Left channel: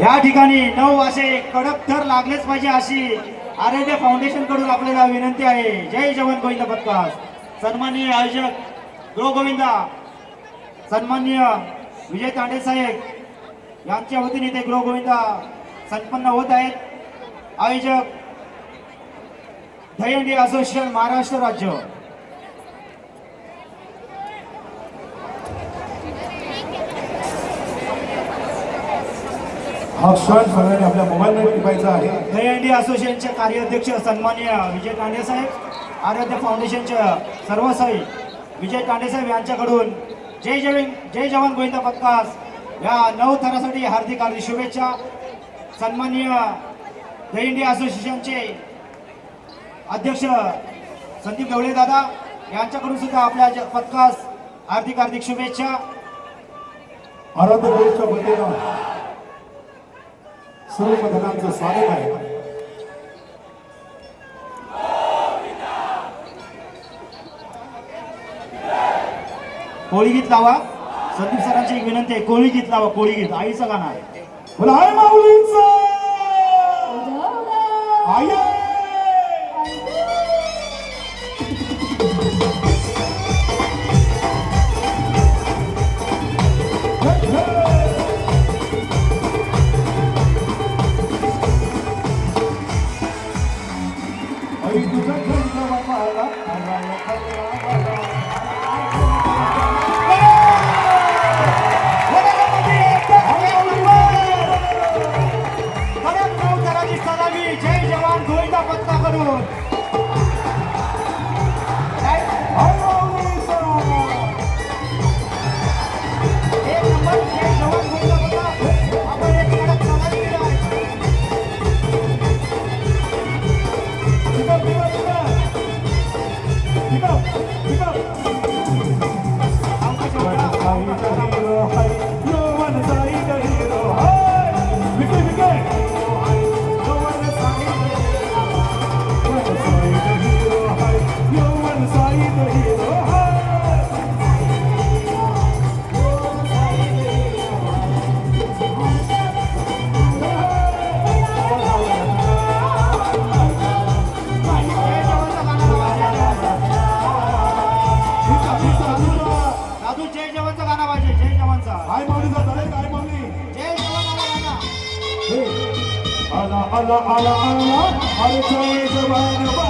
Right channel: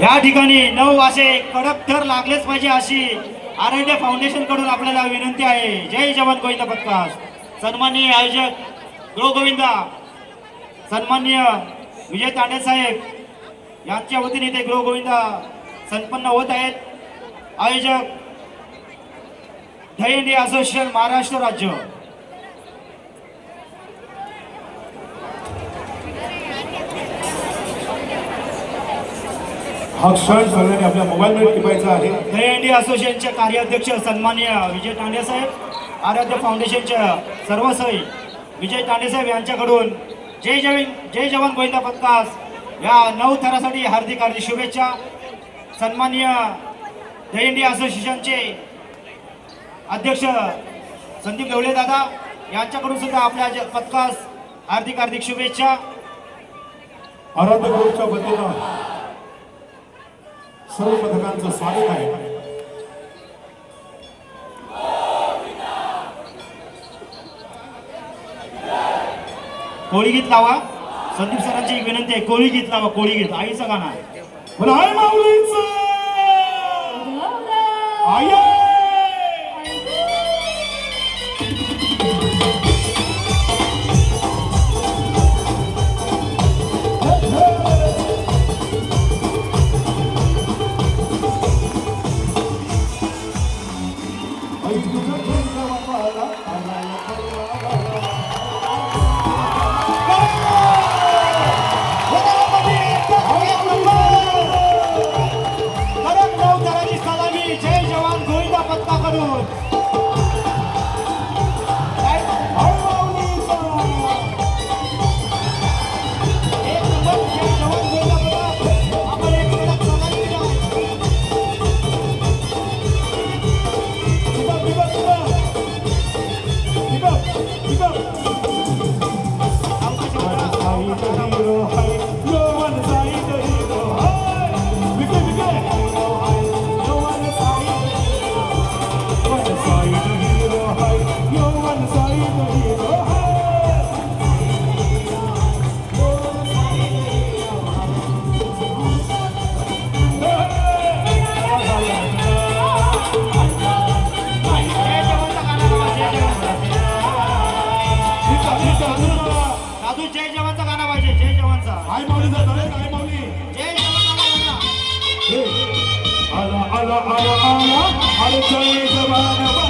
या ठिकाणी नऊ असे कडक थर लागलेच पाहिजे अशी आरोग्य फाउंडेशनकडून आपल्याला विनंती आहे. जय जवान गोविंद पत्कास. सन्माननीय आयोजक गो गोविंदा सन्माननीय विजय तांडे साहेब यांच्या वतीने ते गृह गोविंदा संपन्न होत आहेत. आयोजक दहीहंडी असोसिएशन महाराष्ट्र राज्य. हा क्षण सगळ्यांनी आपल्या मोबाईलमध्ये टिपायचा आहे. दहीहंडी असोसिएशनचे कार्याध्यक्ष सन्माननीय विजय तांडे साहेब आराध्य फाउंडेशनचे सर्व सही विजय तांडे साहेब यांच्याकडून जय जवान जय जवान गोविंदा पथकास या नऊ थरासाठी हार्दिक हार्दिक शुभेच्छा. सन्माननीय दहीहंडी असोसिएशनचे अध्यक्ष संदीप गवळे दादा यांच्याकडून सुद्धा आपल्या पथकास हार्दिक हार्दिक शुभेच्छा. आराध्य ग्रुपच्या वतीनं सर्व पथकांचं स्वागत आहे. कोळी गीत लावा. संदीप सरांची एक विनंती आहे कोळी गीत लावा कोळी गीत. आईचं गाणं आहे. बोला, आई माऊलींचं! आई! आई, 이거 이거. जय जवानचं जय जवानाला गाणं जय जवान लाऊडस्पीकर वाढलो ना वाजव म्हणे